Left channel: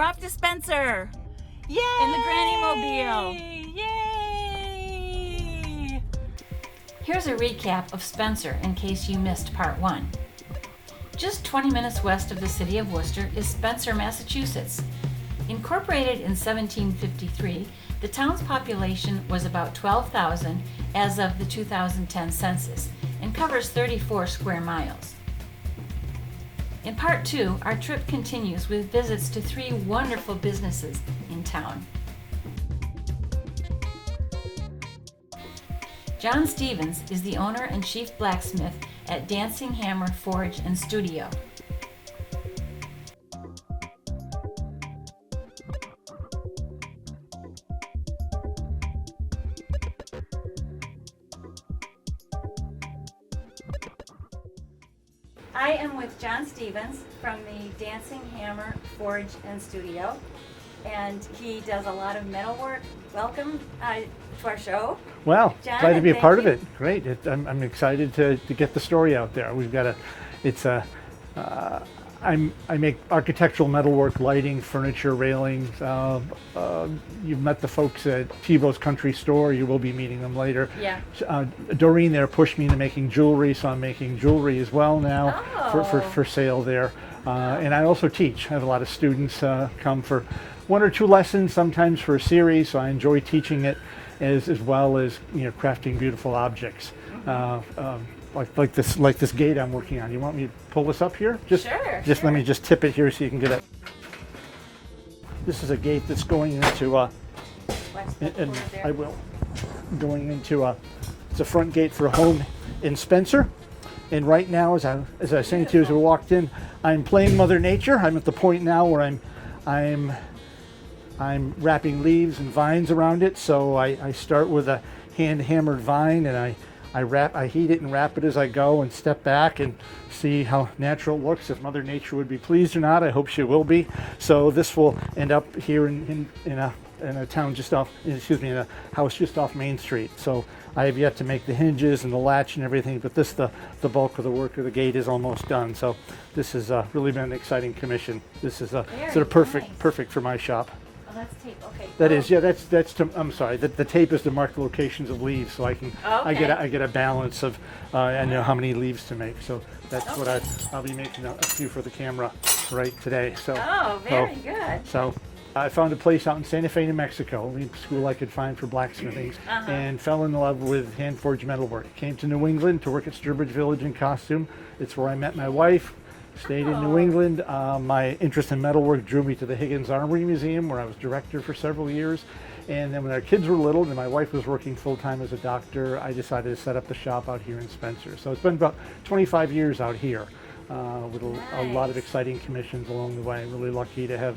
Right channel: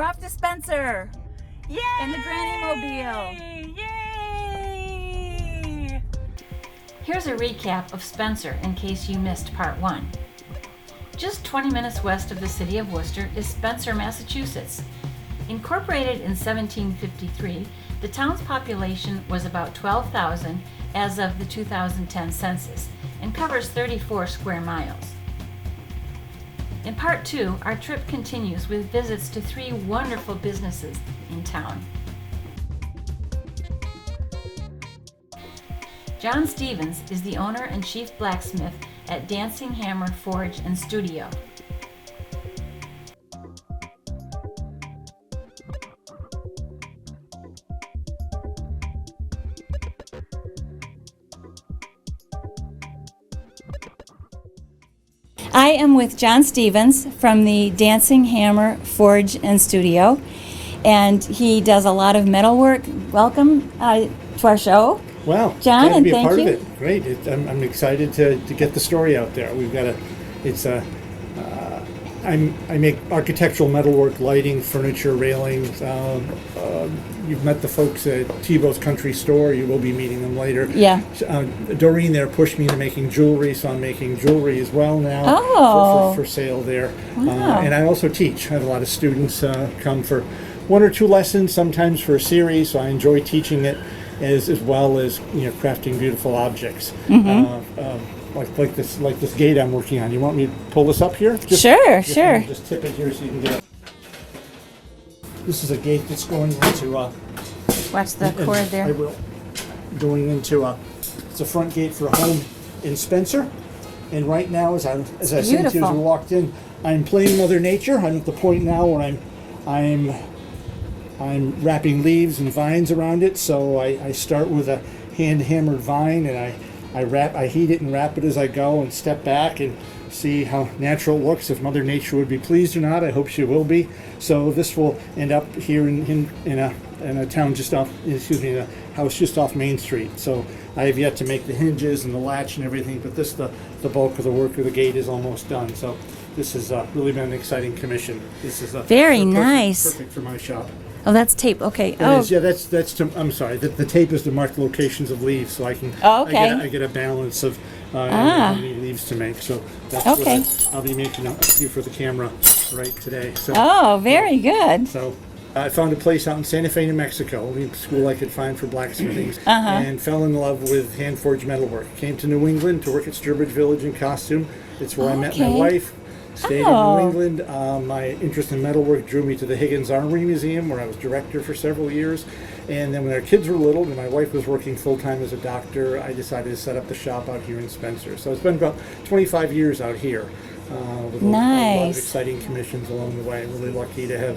We're off to Spencer. Yay! In the Granny Mobile. Yay! Here's a recap of Spencer in case you missed part 1. Just 20 minutes west of the city of Worcester is Spencer, Massachusetts. Incorporated in 1753, the town's population was about 12,000 as of the 2010 census and covers 34 square miles. In part 2, our trip continues with visits to 3 wonderful businesses in town. John Stevens is the owner and chief blacksmith at Dancing Hammer Forge and Studio. I am with John Stevens from the Dancing Hammer Forge and Studio, and he does a lot of metalwork. Welcome to our show. Well, John, glad to and be a thank part you. of it. Great. I'm excited to get the story out there. We've got I make architectural metalwork, lighting, furniture, railings. You've met the folks at Tebow's Country Store. You will be meeting them later. Yeah. Doreen there pushed me into making jewelry, so I'm making jewelry as well now for sale there. Wow. And I also teach. I have a lot of students come for 1 or 2 lessons, sometimes for a series, so I enjoy teaching it as well as crafting beautiful objects. Like this gate I'm working on. You want me to pull this up here? Sure. Let me just tip it here so you can get it. This is a gate that's going into Watch the cord I there. will. Going into it's a front gate for a home in Spencer. And right now, as I said to you as we beautiful. walked in, I'm playing Mother Nature. I'm at the point now where I'm wrapping leaves and vines around it. So I start with a hand hammered vine, and I heat it and wrap it as I go and step back and see how natural it looks, if Mother Nature would be pleased or not. I hope she will be. So this will end up here in a town just off, in a house just off Main Street. So I have yet to make the hinges and the latch and everything, but the bulk of the work of the gate is almost done. So this has really been an exciting commission. This is Very nice. Perfect for my shop. Oh, that's tape. Okay. That is, yeah, that's I'm sorry. The tape is to mark the locations of leaves, so I can. Oh, okay. I get a balance of how many leaves to make. So that's Okay. what I'll be making a few for the camera right today. So. Oh, very good. So I found a place out in Santa Fe, New Mexico, only school I could find for blacksmithing, and fell in love with hand forged metalwork. Came to New England to work at Sturbridge Village in costume. It's where I met my Okay. wife. Stayed in Oh. New England. My interest in metalwork drew me to the Higgins Armory Museum, where I was director for several years. And then when our kids were little and my wife was working full-time as a doctor, I decided to set up the shop out here in Spencer. So it's been about 25 years out here with a lot of Nice. exciting commissions along the way. I'm really lucky to have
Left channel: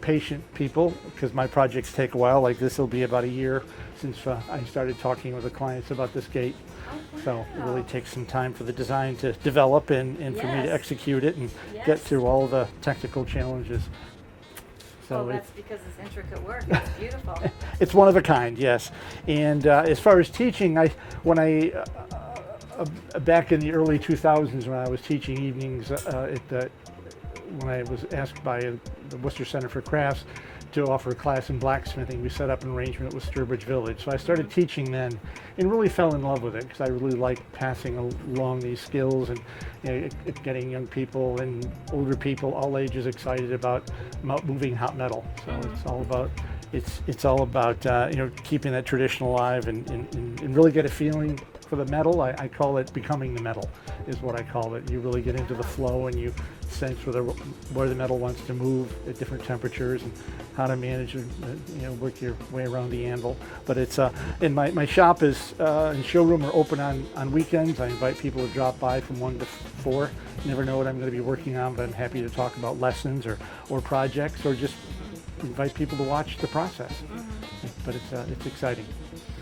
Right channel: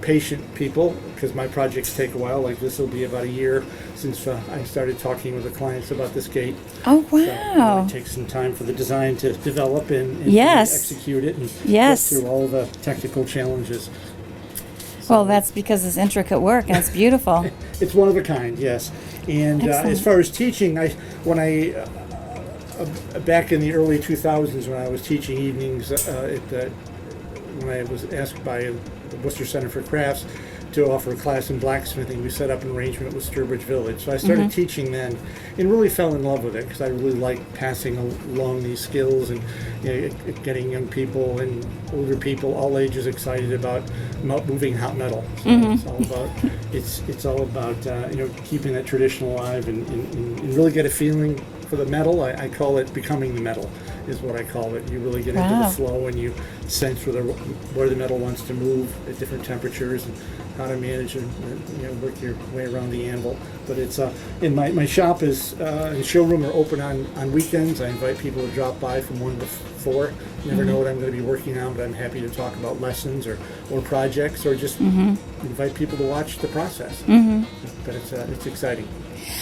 patient people, because my projects take a while. Like this will be about a year since I started talking with the clients about this gate. Oh, So wow. it takes some time for the design to develop and Yes. to execute it and Yes. get through all the technical challenges. Well, that's because it's intricate work and it's beautiful. It's one of a kind, yes. And as Excellent. far as teaching, back in the early 2000s when I was teaching evenings when I was asked by the Worcester Center for Crafts to offer a class in blacksmithing, we set up an arrangement with Sturbridge Village. So I started teaching then and really fell in love with it, because I really like passing along these skills and getting young people and older people, all ages, excited about moving hot metal. So it's all about keeping that tradition alive and really get a feeling for the metal. I call it becoming the metal, is what I call it. You really get into the Wow. flow and you sense where the metal wants to move at different temperatures and how to manage and work your way around the anvil. But it's and my shop is and showroom are open on weekends. I invite people to drop by from 1 to 4. You never know what I'm going to be working on, but I'm happy to talk about lessons or projects, or just invite people to watch the process. But it's exciting.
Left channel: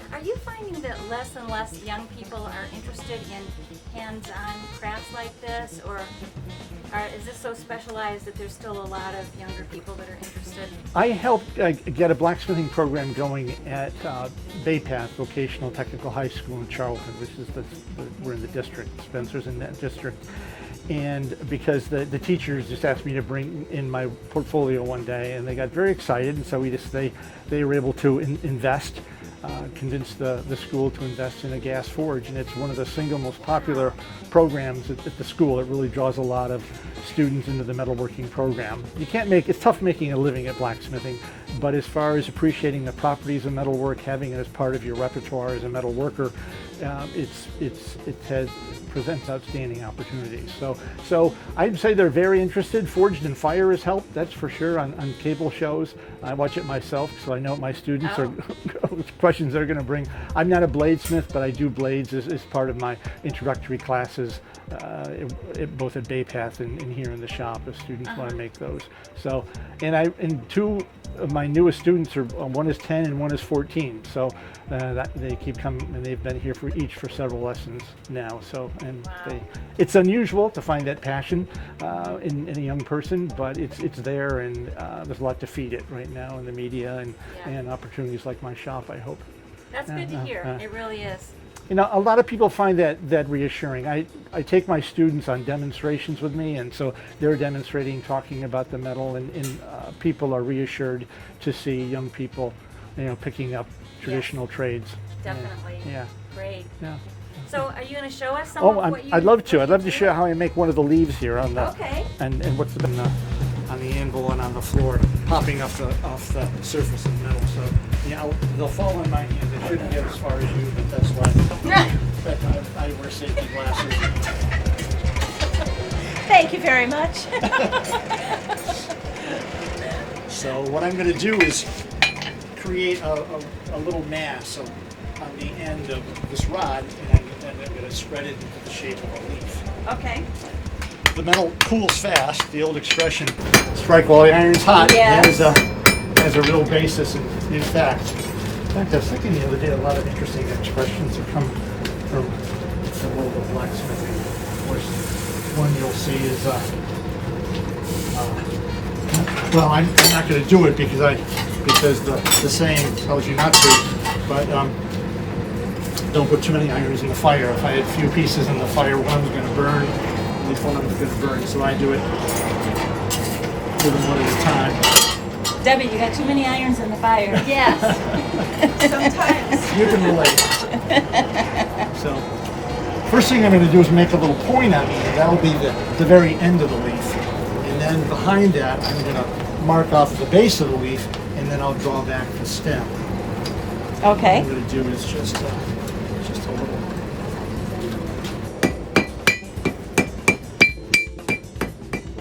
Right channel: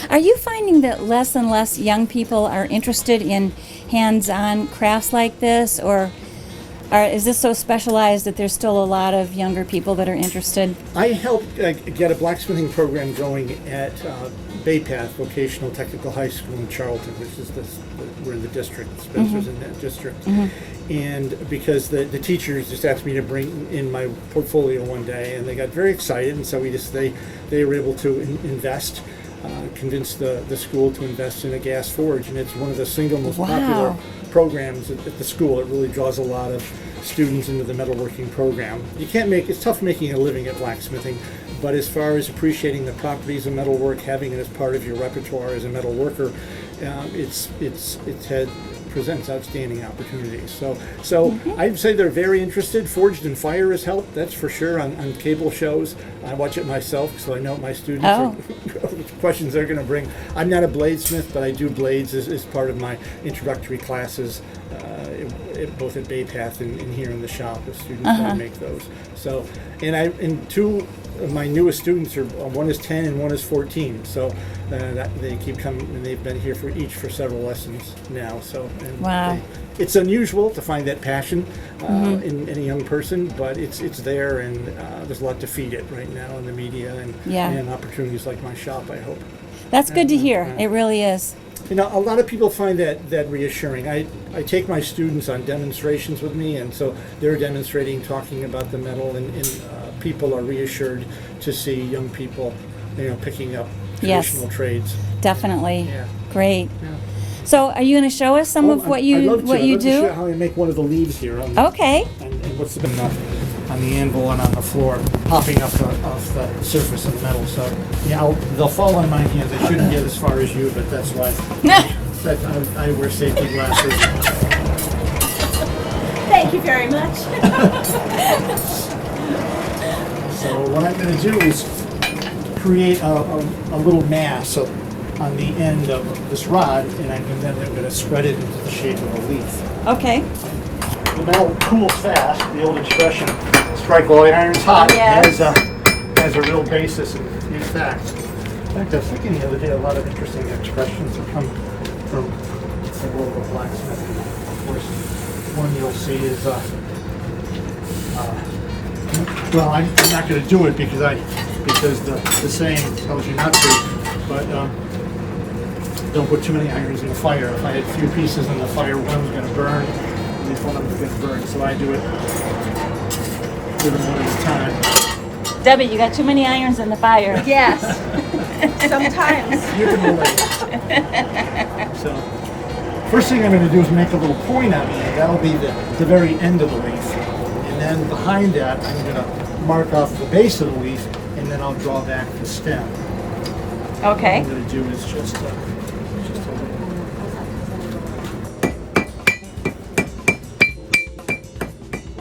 Are you finding that less and less young people are interested in hands-on crafts like this, or is this so specialized that there's still a lot of younger people that are interested? I helped get a blacksmithing program going at Bay Path Vocational Technical High School in Charlton, which is where the district. Spencer's in that district. And because the teachers just asked me to bring in my portfolio one day, and they got very excited, and so they were able to invest, convince the school to invest in a gas forge, and it's one of the single most popular programs at the school. It really draws a lot of students into the metalworking program. It's tough making a living at blacksmithing, but as far as appreciating the properties of metalwork, having it as part of your repertoire as a metal worker, it presents outstanding opportunities. So I'd say they're very interested. Forged in Fire has helped, that's for sure, on cable shows. I watch it myself, so I know what my students which questions they're going to bring. I'm not a bladesmith, but I do blades as part of my introductory classes, both at Bay Path and here in the shop. The students want to make those. So, and two of my newest students are one is 10 and one is 14. So they keep coming, and they've been here for several lessons now. So it's unusual to find that passion in a young person, but it's there, and there's a lot to feed it right now in the media and opportunities like my shop, I hope. That's good to hear. It really is. You know, a lot of people find that reassuring. I take my students on demonstrations with me, and so they're demonstrating, talking about the metal, and people are reassured to see young people, picking up traditional trades. Definitely. Yeah. Great. Yeah. So are you going to show us some of what you I'd love to. what I'd you love do? to show how I make one of the leaves here. Okay. And what's on the anvil and on the floor, popping off the surface of the metal. So they'll fall on my hands. I shouldn't get as far as you, but that's why I wear safety glasses. Thank you very much. So what I'm going to do is create a little mass on the end of this rod, and then I'm going to spread it into the shape of a leaf. Okay. The metal cools fast. The old expression, strike while the iron's hot, has a real basis in fact. In fact, I was thinking the other day, a lot of interesting expressions have come from the world of blacksmithing. Of course, one you'll see is, well, I'm not going to do it because the saying tells you not to, but don't put too many irons in the fire. If I had a few pieces in the fire, one's going to burn, at least one of them's going to burn. So I do it one at a time. Debbie, you got too many irons in the fire. Yes. Sometimes. You can relate. So, first thing I'm going to do is make a little point on the end. That'll be the very end of the leaf. And then behind that, I'm going to mark off the base of the leaf, and then I'll draw back the stem. Okay. What I'm going to do is just a little.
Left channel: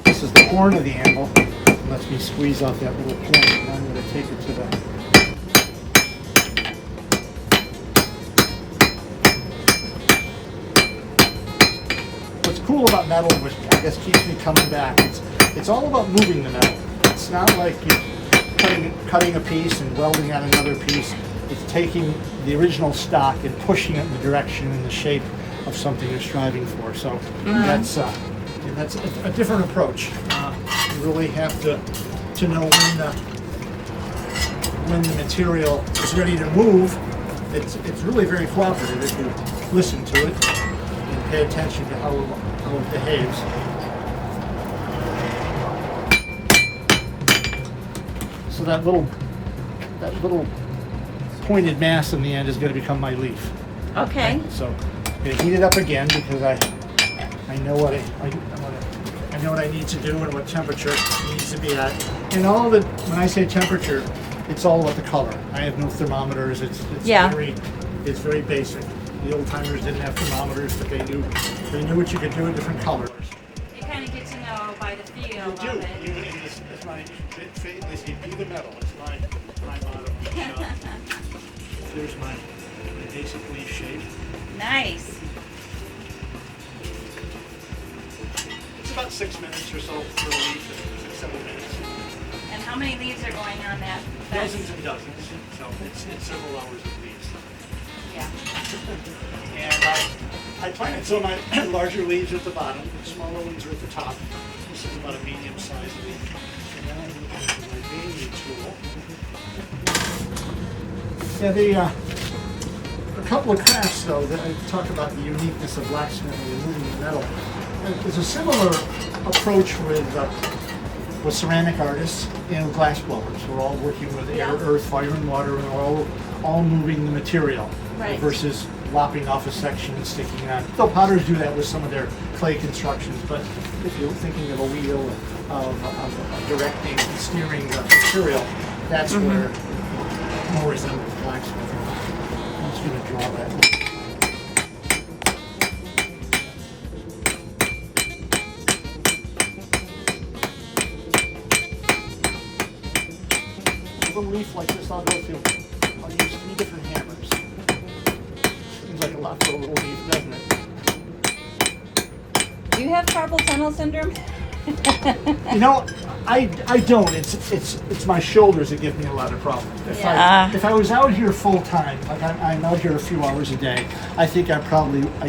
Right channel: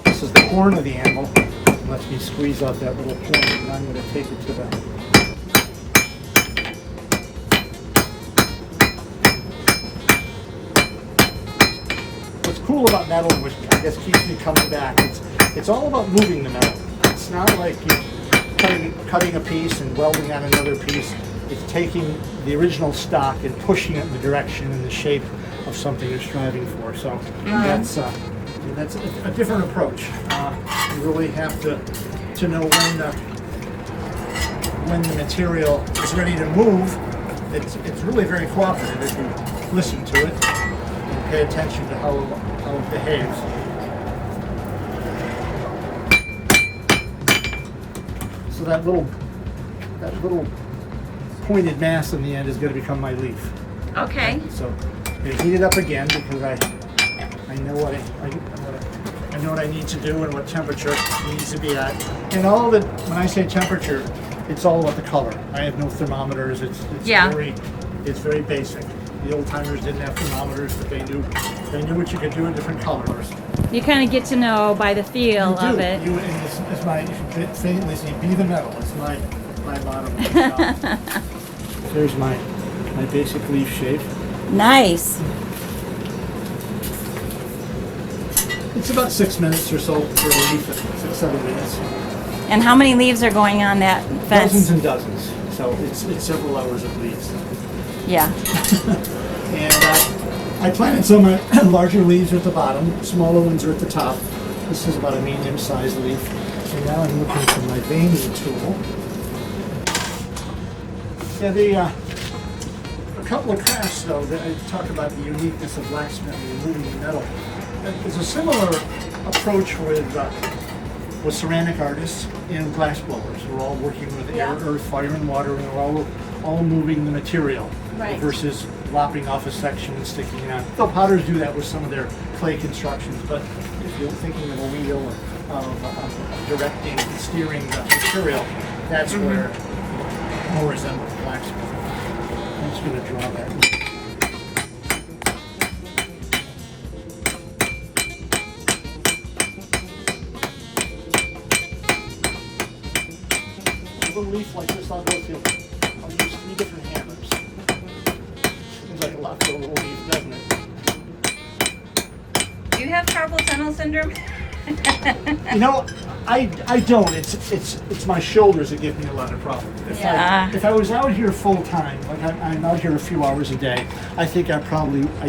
This is the horn of the anvil. It lets me squeeze out that little point, and I'm going to take it to the. What's cool about metal, which I guess keeps me coming back, it's all about moving the metal. It's not like you're cutting a piece and welding on another piece. It's taking the original stock and pushing it in the direction and the shape of something you're striving for. So that's a different approach. You really have to know when the material is ready to move. It's really very cooperative if you listen to it and pay attention to how it behaves. So that little pointed mass in the end is going to become my leaf. Okay. So I'm going to heat it up again because I know what I know what I need to do and what temperature it needs to be at. And all of it, when I say temperature, it's all about the color. I have no thermometers. It's very basic. The old timers didn't have thermometers, but they knew what you could do in different colors. You kind of get to know by the feel of it. It's my thing. They say, be the metal. It's my motto. There's my basic leaf shape. Nice. It's about 6 minutes or so for a leaf, 6, 7 minutes. And how many leaves are going on that fence? Dozens and dozens. So it's several hours of leaves. Yeah. And I planted some larger leaves at the bottom, smaller ones are at the top. This is about a medium-sized leaf. And now I'm looking for my veining tool. Yeah, A couple of crafts, though, that I talk about the uniqueness of blacksmithing and moving metal. There's a similar approach with ceramic artists and glass blowers. We're all working with air, earth, fire, and water, and we're all moving the material versus lopping off a section and sticking on. Though potters do that with some of their clay constructions, but if you're thinking of a wheel of directing and steering the material, that's where it more resembles blacksmithing. I'm just going to draw that. A little leaf like this, I'll use 3 different hammers. Seems like a lot for a little leaf, doesn't it? Do you have carpal tunnel syndrome? You know, I don't. It's my shoulders that give me a lot of problems. If I was out here full time, like I'm out here a few hours a day, I think I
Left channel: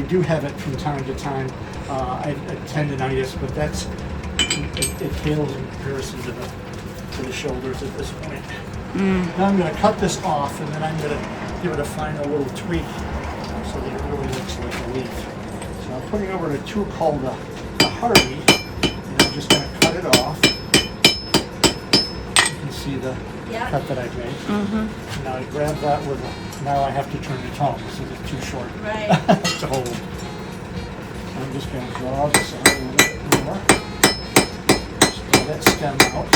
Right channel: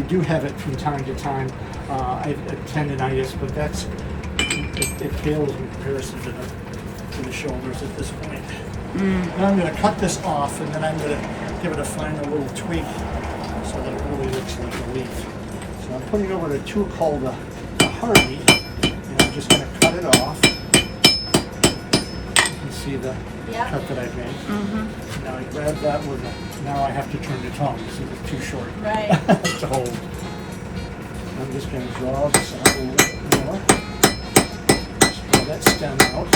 do have it from time to time. I have tendonitis, but it pales in comparison to the shoulders at this point. Now I'm going to cut this off, and then I'm going to give it a final little tweak so that it really looks like a leaf. So I'm putting over a tool called the Hardy, and I'm just going to cut it off. You can see the cut that I've made. Now I grab that now I have to turn it home because it's too short to hold. I'm just going to draw this out a little bit more. Just draw that stem out.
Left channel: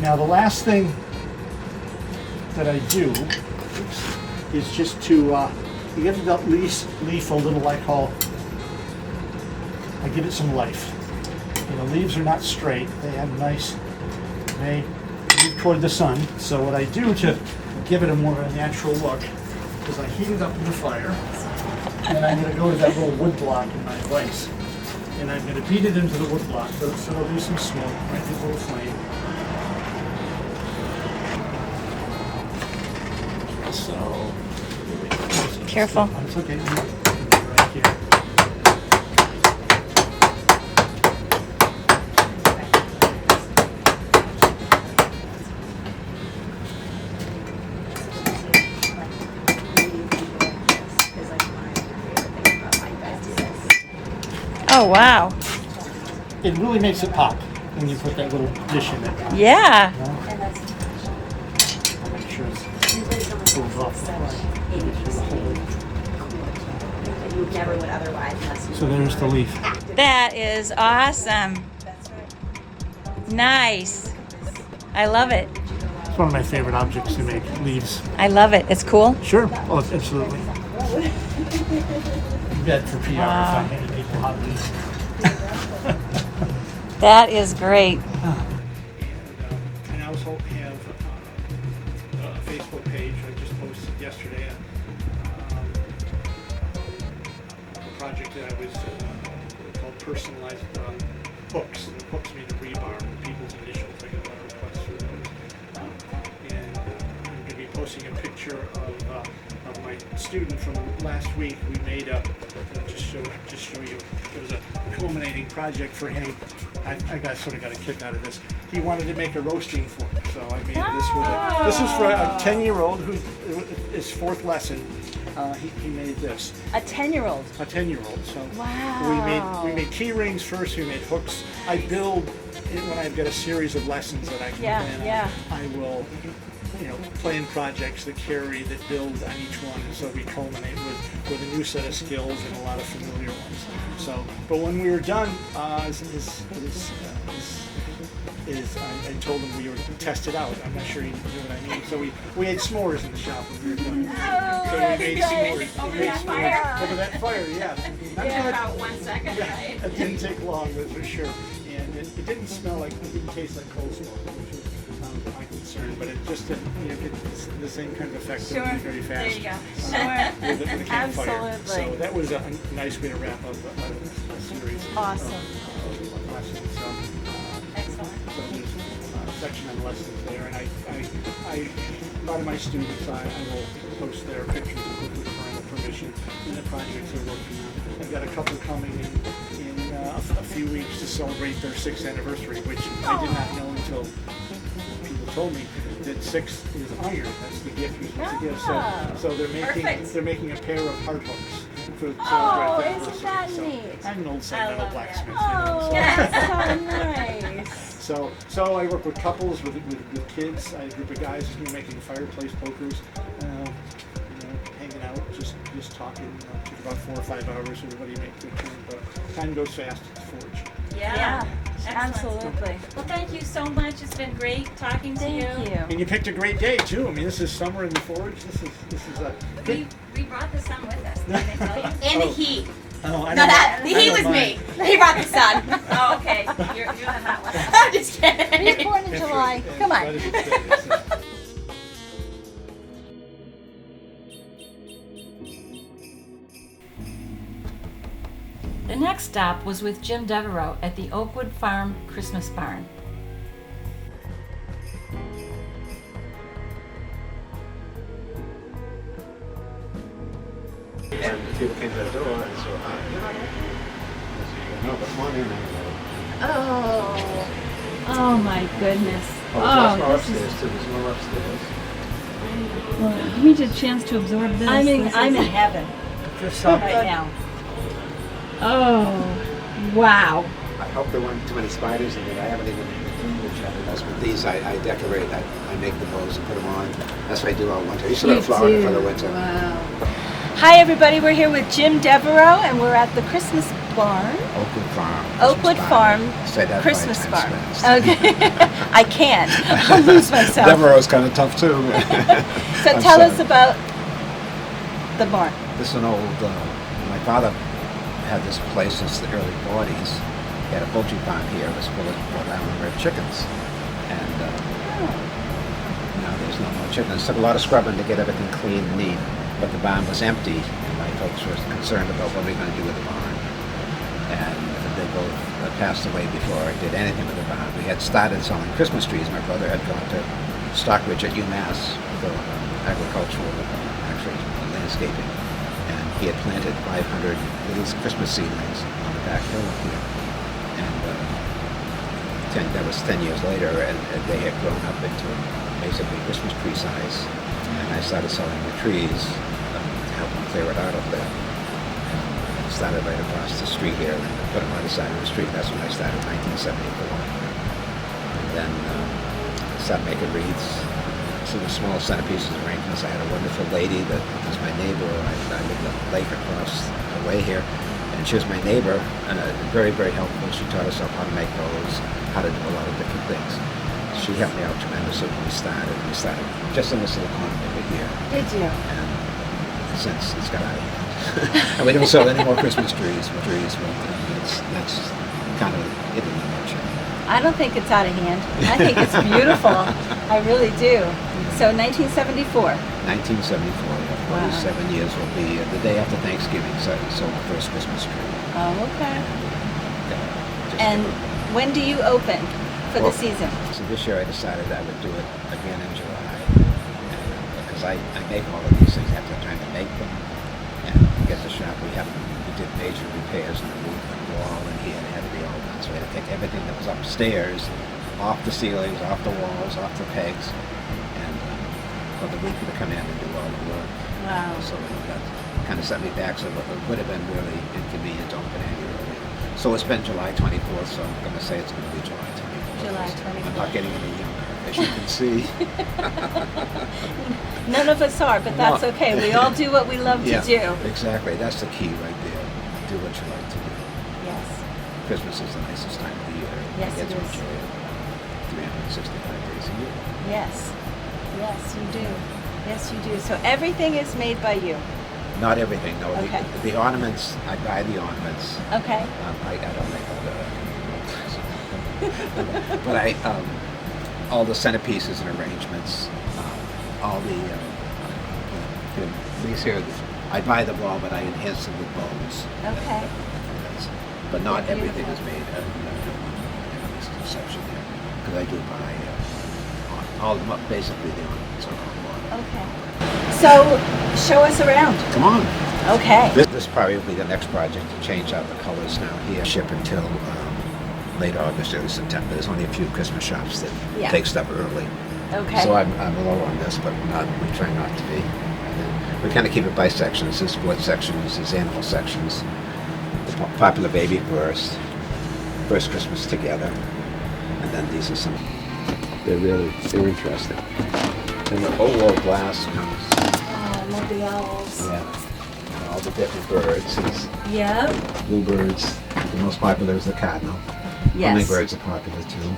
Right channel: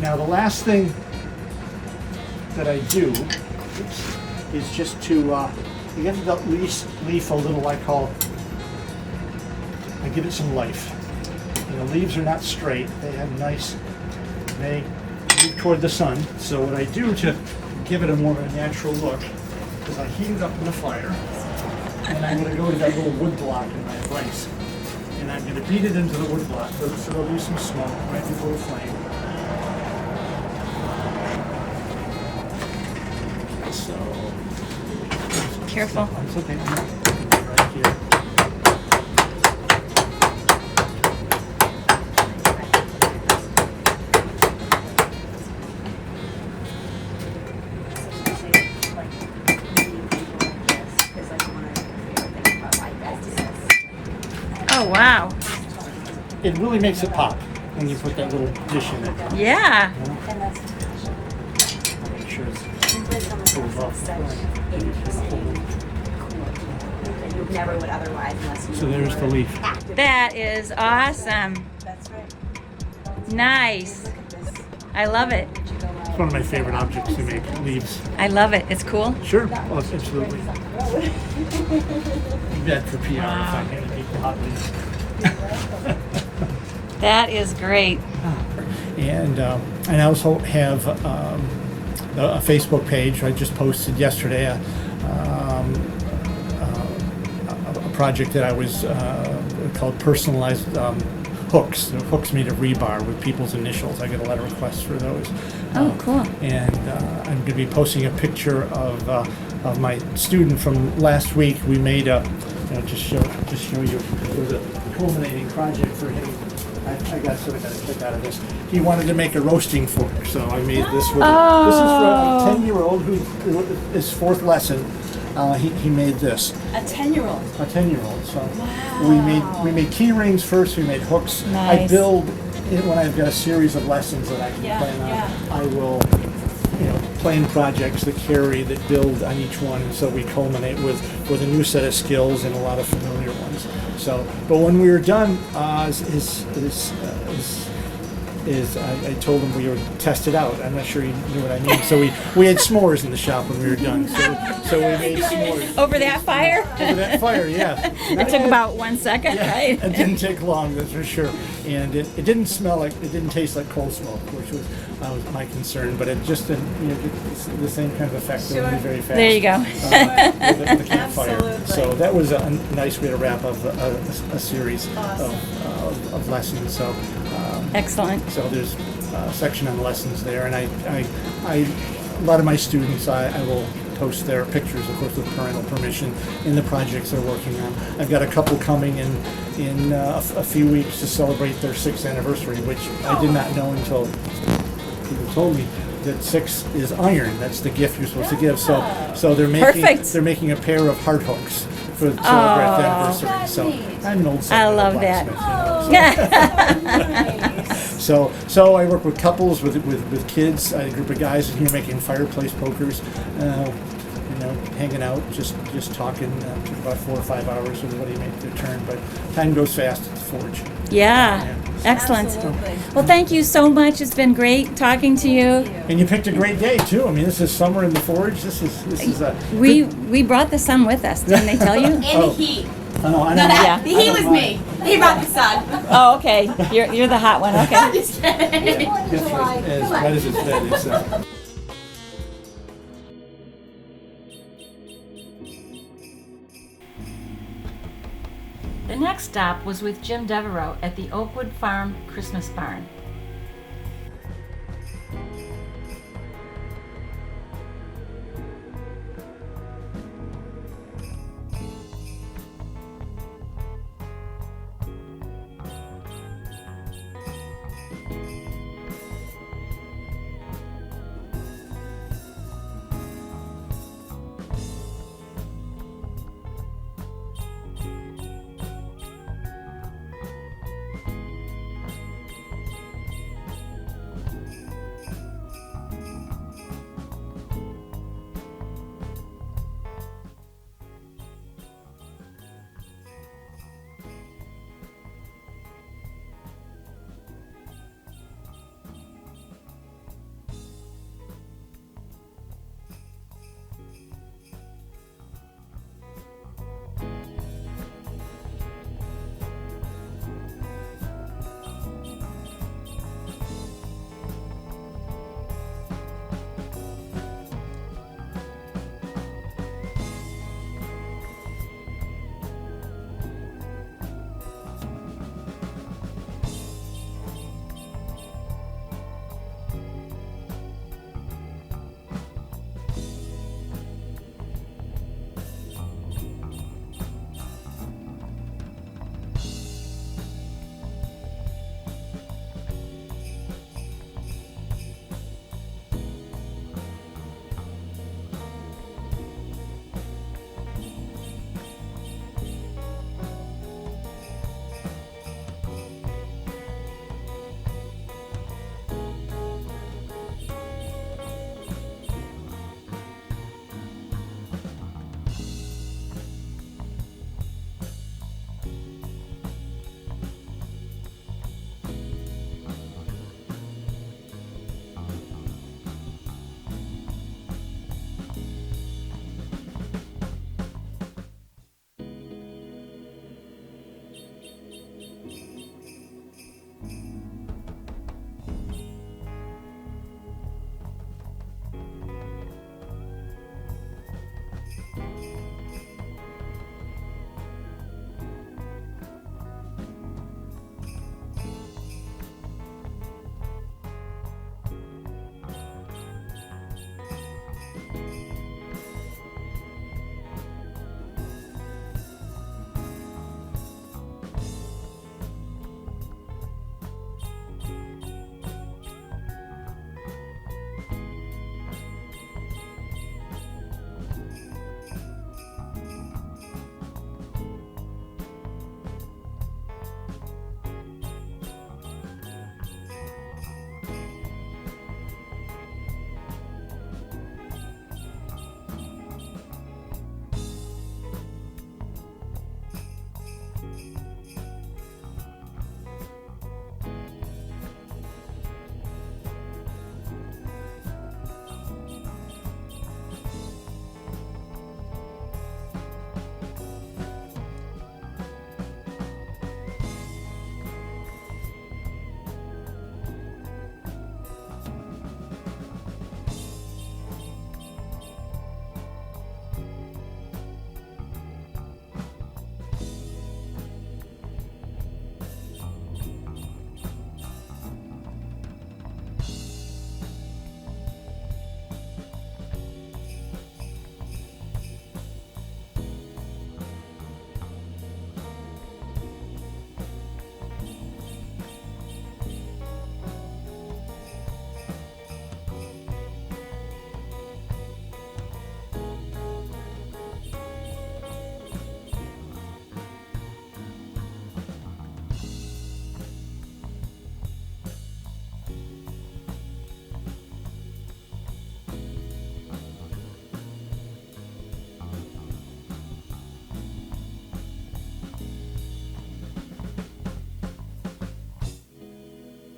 Now the last thing that I do is just to give the leaf a little, I give it some life. You know, leaves are not straight. They have they move toward the sun. So what I do to give it a more of a natural look is I heat it up in the fire, and I'm going to go to that little wood block in my vise, and I'm going to beat it into the wood block so there'll be some smoke, might be a little flame. Careful. It's okay. Right here. Oh, wow. It really makes it pop when you put that little dish in it. Yeah. Make sure it goes off the front. So there's the leaf. That is awesome. Nice. I love it. It's one of my favorite objects to make, leaves. I love it. It's cool. Sure. Oh, absolutely. That's for people. Wow. People hot leaves. That is great. And I also have a Facebook page. I just posted yesterday a project that I was called personalized hooks. Hooks made of rebar with people's initials. I get a lot of requests for those. Oh, cool. And I'm going to be posting a picture of my student from last week. We made just show you. It was a culminating project for him. I got sort of got a kick out of this. He wanted to make a roasting fork, so I made this with this is for a 10-year-old who is 4th lesson. He made this. A 10-year-old. A 10-year-old. So wow. we made key rings first. We made hooks. Nice. I build when I've got a series of lessons that I can plan on. I will plan projects that build on each one, and so we culminate with a new set of skills and a lot of familiar ones. So, but when we were done, I told him we would test it out. I'm not sure he knew what I mean. So we had s'mores in the shop when we were done. So we made s'mores. Over that fire? Over that fire, yeah. It took about 1 second, right? It didn't take long, that's for sure. And it didn't taste like coleslaw, which was my concern. But it just didn't, it's the same kind of effect. Sure. It was very fast. There you go. The campfire. Absolutely. So that was a nice way to wrap up a series of lessons. So. Excellent. So there's a section on lessons there, and I a lot of my students I will post their pictures, of course, with parental permission, in the projects they're working on. I've got a couple coming in a few weeks to celebrate their 6th anniversary, which I did not know until people told me that 6 is iron. That's the gift you're supposed to give. So they're making a pair of heart hooks for the 12th anniversary. So I'm an old I love that. So I work with couples, with kids, a group of guys in here making fireplace pokers, hanging out, just talking about 4 or 5 hours, and what do you make your turn? But time goes fast at the forge. Yeah. Excellent. Absolutely. Well, thank you so much. It's been great talking to you. And you picked a great day too. I mean, this is summer in the forge. This is a We brought the sun with us. Didn't they tell you? And the heat. I know. Yeah. The heat was me. He brought the sun. Oh, okay. You're the hot one. Okay. Just kidding. July. Come on. What is it today? So. The next stop was with Jim Devereaux at the Oakwood Farm Christmas Barn. And the people came to the door, and so no, but come on in now. Oh my goodness. There's more upstairs too. There's more upstairs. Give me a chance to absorb this. I'm in heaven right now. Oh, wow. I hope there weren't too many spiders in it. I haven't even. That's with these. I decorate. I make the bows and put them on. That's what I do all winter. You should have Florida for the winter. Wow. Hi everybody, we're here with Jim Devereaux and we're at the Christmas barn. Oakwood Farm. Oakwood Farm Say that Christmas 5 barn. times fast. Okay. I can't. I'll lose myself. Devereaux's kind of tough too. So I'm tell sorry. us about the barn. This is an old. My father had this place since the early '40s. He had a poultry farm here. It was full of Rhode Island red chickens, and now there's no more chickens. It took a lot of scrubbing to get everything clean and neat. But the barn was empty. My folks were concerned about what we were going to do with the barn, and they both passed away before I did anything with the barn. We had started selling Christmas trees. My brother had gone to Stockbridge at UMass for agricultural, actually landscaping, and he had planted 500 little Christmas seedlings on the back hill here. And that was 10 years later, and they had grown up into basically Christmas tree size. And I started selling the trees to help them clear it out over there. And started right across the street here, and put them on the side of the street. That's when I started in 1974. And then I started making wreaths, some small centerpieces arrangements. I had a wonderful lady that was my neighbor. I lived a lake across the way here. And she was my neighbor, and very, very helpful. She taught us how to make bows, how to do a lot of different things. She helped me out tremendously when we started. We started just in this little corner over here. Did you? And since it's got out of hand. And we don't sell any more Christmas trees. That's kind of it in a nutshell. I don't think it's out of hand. I think it's beautiful. I really do. So 1974. 1974, yeah, 47 years will be the day after Thanksgiving, so I sold the first Christmas tree. Oh, okay. Just And when do you open for the Well, season? So this year I decided I would do it again in July, because I make all of these things after trying to make them. And to get the shop, we did major repairs on the roof and wall and here, and it had to be all done. So we had to take everything that was upstairs, off the ceilings, off the walls, off the pegs, and for the week to come in and do all the work. Wow. So that kind of set me back, so it would have been really inconvenient to open any earlier. So it's been July 24th, so I'm going to say it's going to be July 24th. July I'm not 24th. getting any younger, as you can see. None of us are, but that's No. okay. We all do what we love to do. Exactly. That's the key right there. Do what you like to do. Yes. Christmas is the nicest time of the year. Yes, You get it to is. enjoy it 365 days a year. Yes. Yes, you do. Yes, you do. So everything is made by you. Not everything, no. Okay. The ornaments, I buy the ornaments. Okay. I don't make all the, but all the centerpieces and arrangements, all the these here, I buy the ball, but I enhance them with bones. Okay. But not They're everything is beautiful. made at this conception here, because I do buy all basically the ornaments are all bought. Okay. So, show us around. Come on. Okay. This is probably the next project to change out the colors now here. Ship until late August, early September. There's only a few Christmas shops that Yeah. take stuff early. Okay. So I'm low on this, but we try not to be. We kind of keep it by sections. There's sports sections, there's animal sections. The popular baby first Christmas together. And then these are some, they're interesting. And the whole wall glass comes. Oh, I love the owls. Yeah. All the different birds. It's Yep. bluebirds. The most popular is the cardinal. Yes. Hummingbirds are popular too.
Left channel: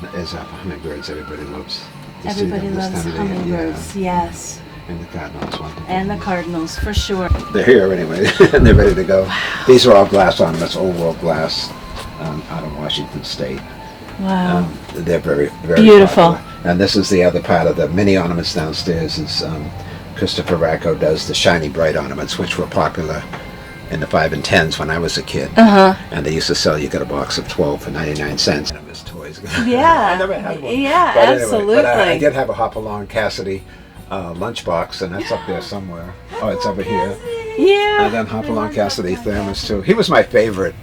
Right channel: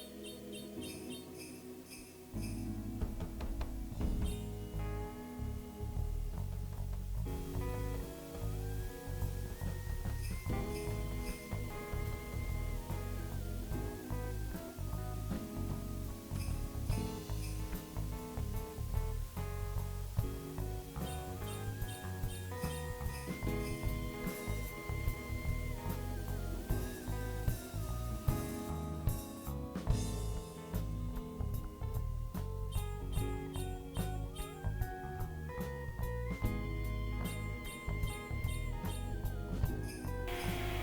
And as hummingbirds, everybody loves. to see Everybody them this loves time of the year. hummingbirds. Yes. Yeah. And the cardinals want to. And the cardinals, for sure. They're here anyway, and they're ready to go. These are all glass ornaments, old world glass, out of Washington State. Wow. They're very, very Beautiful. popular. And this is the other part of the mini ornaments downstairs. Is Christopher Racco does the shiny bright ornaments, which were popular in the 5 and 10s when I was a kid. Uh-huh. And they used to sell, you got a box of 12 for 99 cents. And it was toys. Yeah. I never had one. Yeah, But anyway, absolutely. but I did have a Hopalong Cassidy lunchbox, and that's up there somewhere. Oh, it's over here. Yeah. And then Hopalong Cassidy thermos too. He was my favorite.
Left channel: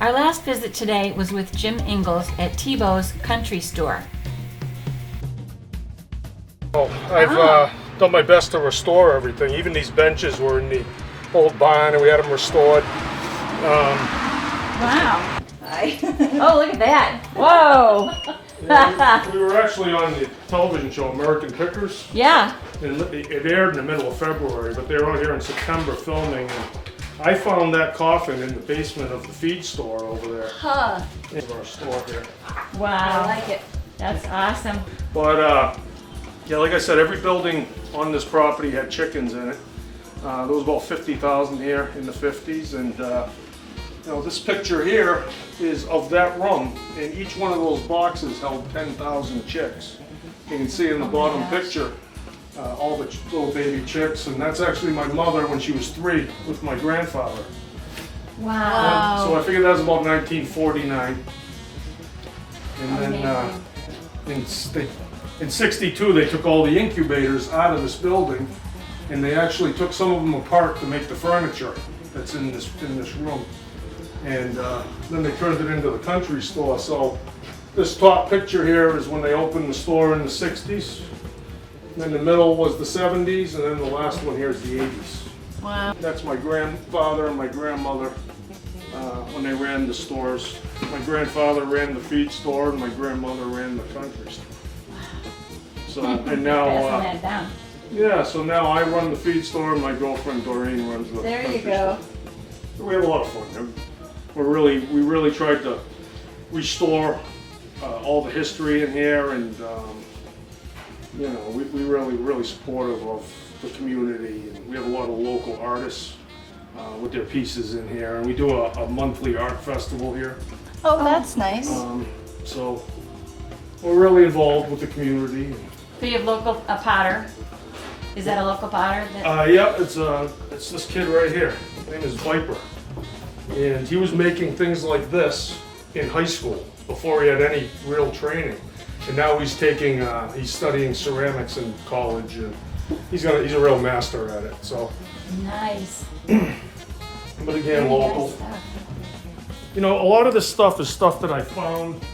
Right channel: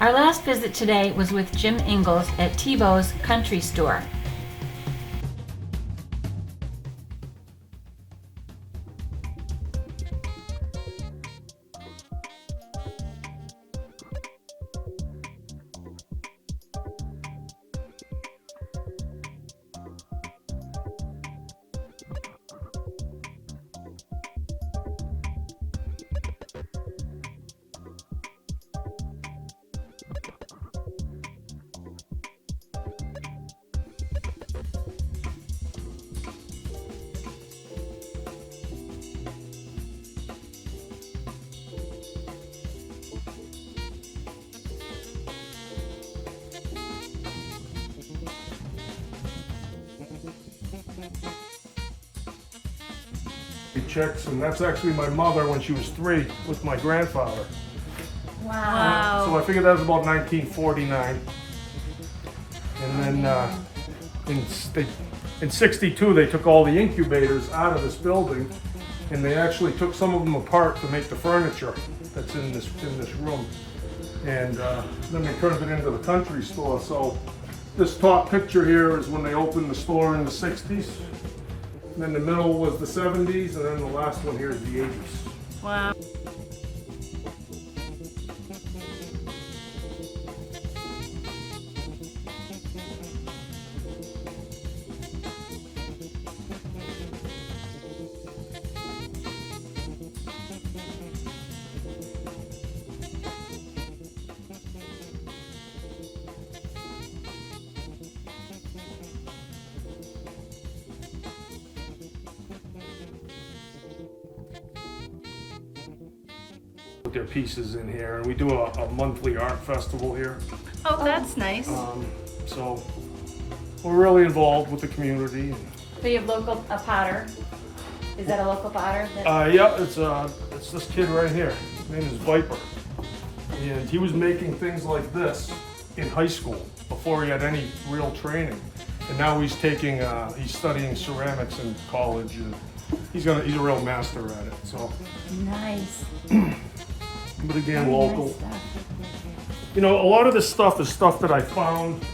Our last visit today was with Jim Ingalls at Tebow's Country Store. I've done my best to restore everything. Even these benches were in the old barn and we had them restored. Wow. Oh, look at that. Whoa. We were actually on the television show American Pickers, Yeah. and it aired in the middle of February, but they were out here in September filming. And I found that coffin in the basement of the feed store over there. Huh. In our store here. I Wow. like it. That's awesome. But yeah, like I said, every building on this property had chickens in it. There was about 50,000 here in the 50s, and you know, this picture here is of that room, and each one of those boxes held 10,000 chicks. You can see in the bottom picture all the little baby chicks, and that's actually my mother when she was 3 with my grandfather. Wow. So I figured that was about 1949. And then in '62 they took all the incubators out of this building, and they actually took some of them apart to make the furniture that's in this room. And then they turned it into the country store. So this top picture here is when they opened the store in the 60s. Then the middle was the 70s, and then the last one here is the 80s. Wow. That's my grandfather and my grandmother when they ran the stores. My grandfather ran the feed store, and my grandmother ran the country store. So, and now, Passing that down. yeah, so now I run the feed store, and my girlfriend Doreen runs the There you country go. store. We have a lot of fun. We really tried to restore all the history in here, and you know, we really supportive of the community. And we have a lot of local artists with their pieces in here, and we do a monthly art festival here. Oh, that's nice. So we're really involved with the community. So you have a potter. Is that a local potter? That- Yeah, it's this kid right here. His name is Viper, and he was making things like this in high school before he had any real training. And now he's studying ceramics in college, and he's a real master at it. So, Nice. but again, Nice local. stuff. You know, a lot of this stuff is stuff that I found,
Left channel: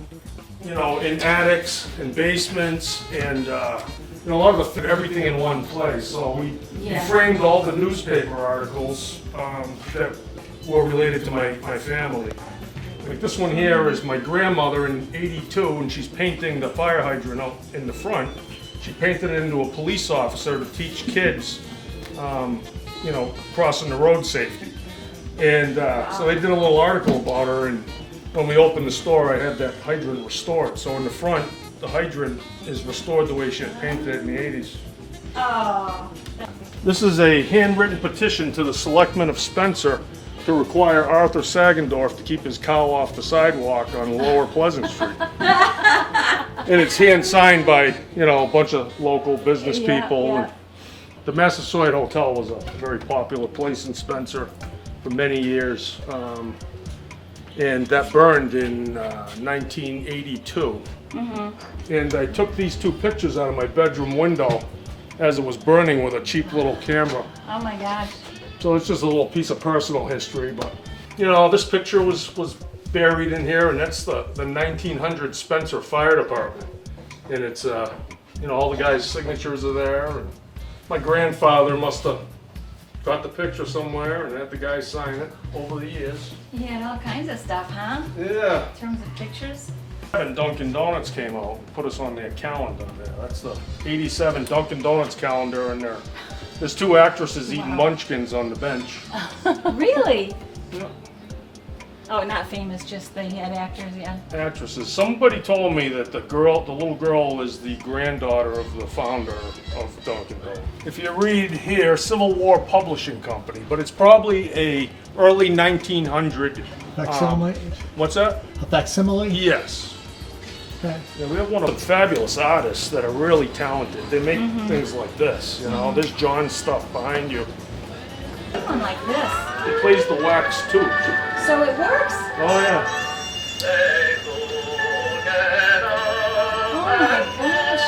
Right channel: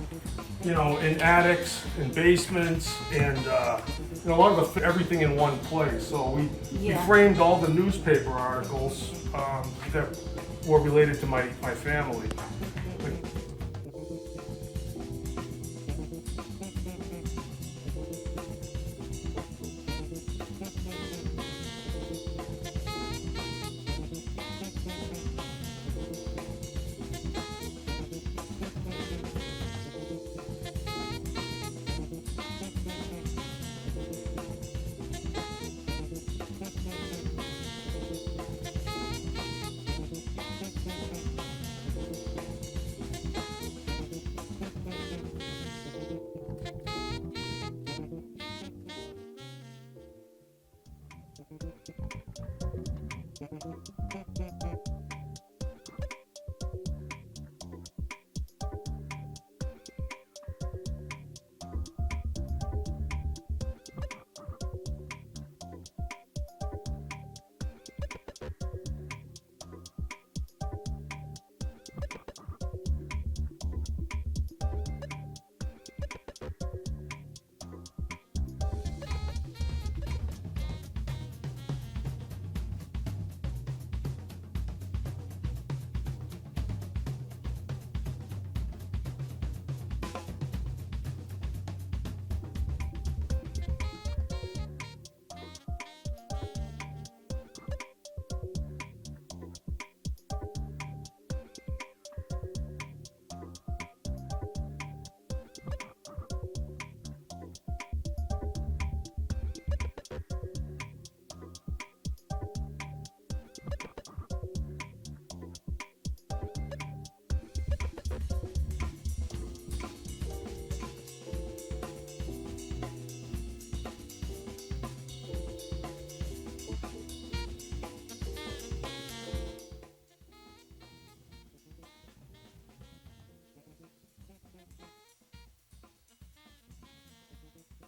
you know, in attics and basements, and you know, a lot of everything in one place. So we Yeah. framed all the newspaper articles that were related to my family. Like this one here is my grandmother in '82, and she's painting the fire hydrant out in the front. She painted it into a police officer to teach kids, you know, crossing the road safety. And so they did a little article about her, and when we opened the store, I had that hydrant restored. So in the front, the hydrant is restored the way she had painted it in the '80s. Oh. This is a handwritten petition to the selectmen of Spencer to require Arthur Sagendorf to keep his cow off the sidewalk on Lower Pleasant Street. And it's hand signed by, you know, a bunch of local business Yeah, people. yeah. And the Massasoit Hotel was a very popular place in Spencer for many years. And that burned in 1982. And I took these 2 pictures out of my bedroom window as it was burning with a cheap little camera. Oh my gosh. So it's just a little piece of personal history, but you know, this picture was buried in here, and that's the 1900 Spencer Fire Department. And it's, you know, all the guys' signatures are there. And my grandfather must have got the picture somewhere and had the guys sign it over the years. He had all kinds of stuff, huh? Yeah. In terms of pictures. And Dunkin' Donuts came out, put us on their calendar there. That's the 87 Dunkin' Donuts calendar, and there's two actresses eating munchkins on the bench. Really? Yeah. Oh, not famous, just the head actors, yeah. Actresses. Somebody told me that the little girl is the granddaughter of the founder of Dunkin' Donuts. If you read here, Civil War Publishing Company, but it's probably a early 1900. Facsimile? What's that? A facsimile? Yes. Okay. Yeah, we have one of the fabulous artists that are really talented. They make things like this, you know. There's John's stuff behind you. One like this. He plays the wax too. So it works? Oh yeah. Oh my gosh.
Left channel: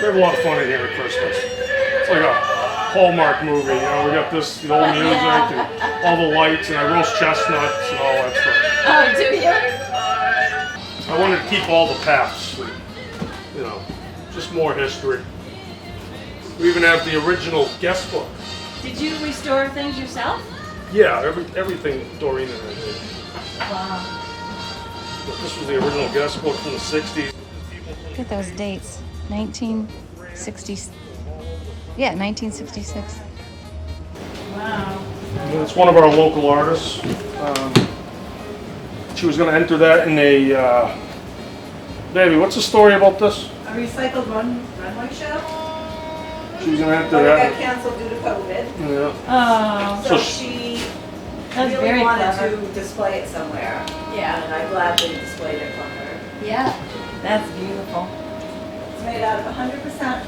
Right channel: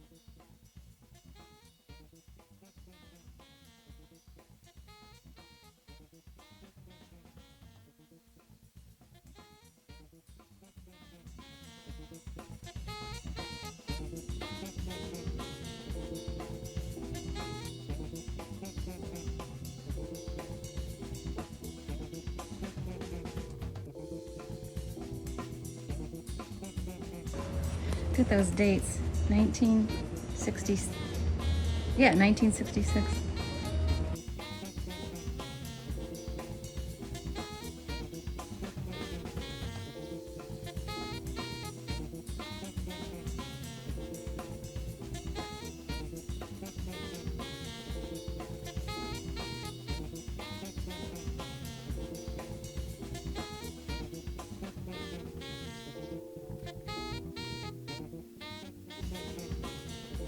We have a lot of fun in here at Christmas. It's like a Hallmark movie, you know. We got this old music and all the lights, and I roast chestnuts and all that stuff. Oh, do you? I wanted to keep all the paths, you know, just more history. We even have the original guest book. Did you restore things yourself? Yeah, everything Doreen and I did. Wow. This was the original guest book from the 60s. Look at those dates. 1960. Yeah, 1966. Wow. It's one of our local artists. She was going to enter that in a. Baby, what's the story about this? A recycled runway show. She was going to enter But it that. got canceled due to COVID. Yeah. Oh, So So she that's really very wanted clever. to display it somewhere. Yeah. And I gladly displayed it for her. Yeah. That's beautiful. It's made out of 100%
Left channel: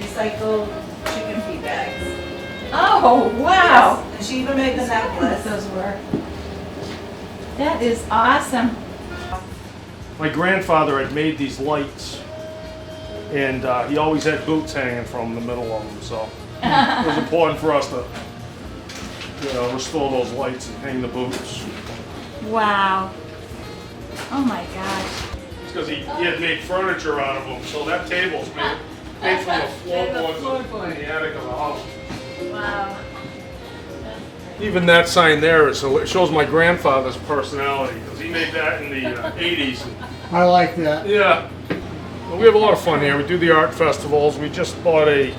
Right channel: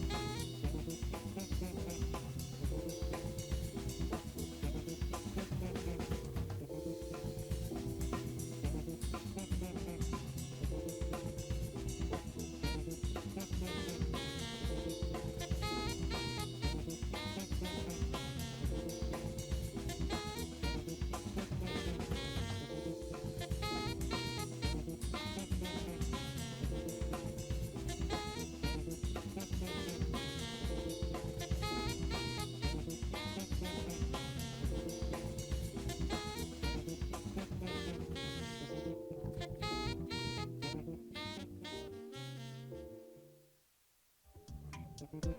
recycled chicken feed bags. Oh, wow. Yes. And she even made the necklace. Those were. That is awesome. My grandfather had made these lights, and he always had boots hanging from the middle of them, so it was important for us to, you know, restore those lights and hang the boots. Wow. Oh my gosh. It's because he had made furniture out of them, so that table's made from the floorboards in the attic of the house. Wow. Even that sign there, so it shows my grandfather's personality, because he made that in the 80s. I like that. Yeah. Well, we have a lot of fun here. We do the art festivals. We just got a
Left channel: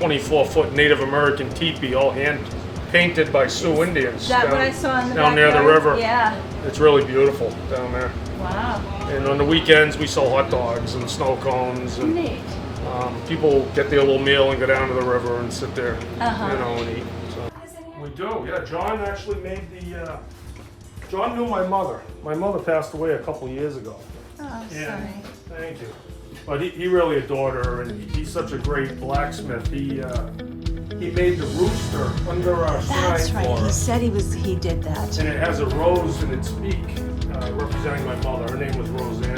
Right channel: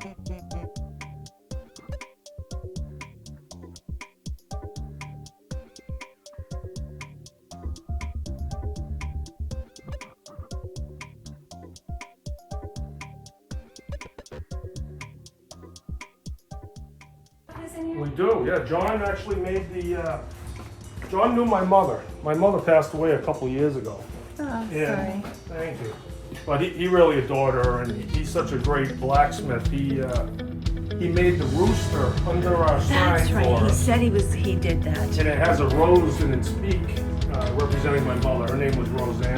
24-foot Native American teepee, all hand painted by Sioux Indians. Is that what I saw in the down near the backyard? river. Yeah. It's really beautiful down there. Wow. And on the weekends, we sell hot dogs and snow cones, and Neat. people get their little meal and go down to the river and sit there, Uh-huh. you know, and eat. So. We do, yeah. John actually made the. John knew my mother. My mother passed away a couple of years ago. Oh, Yeah, sorry. thank you. But he really adored her, and he's such a great blacksmith. He made the rooster under our sign That's right. for He us. said he did that. And it has a rose in its beak, representing my mother. Her name was Roseanne.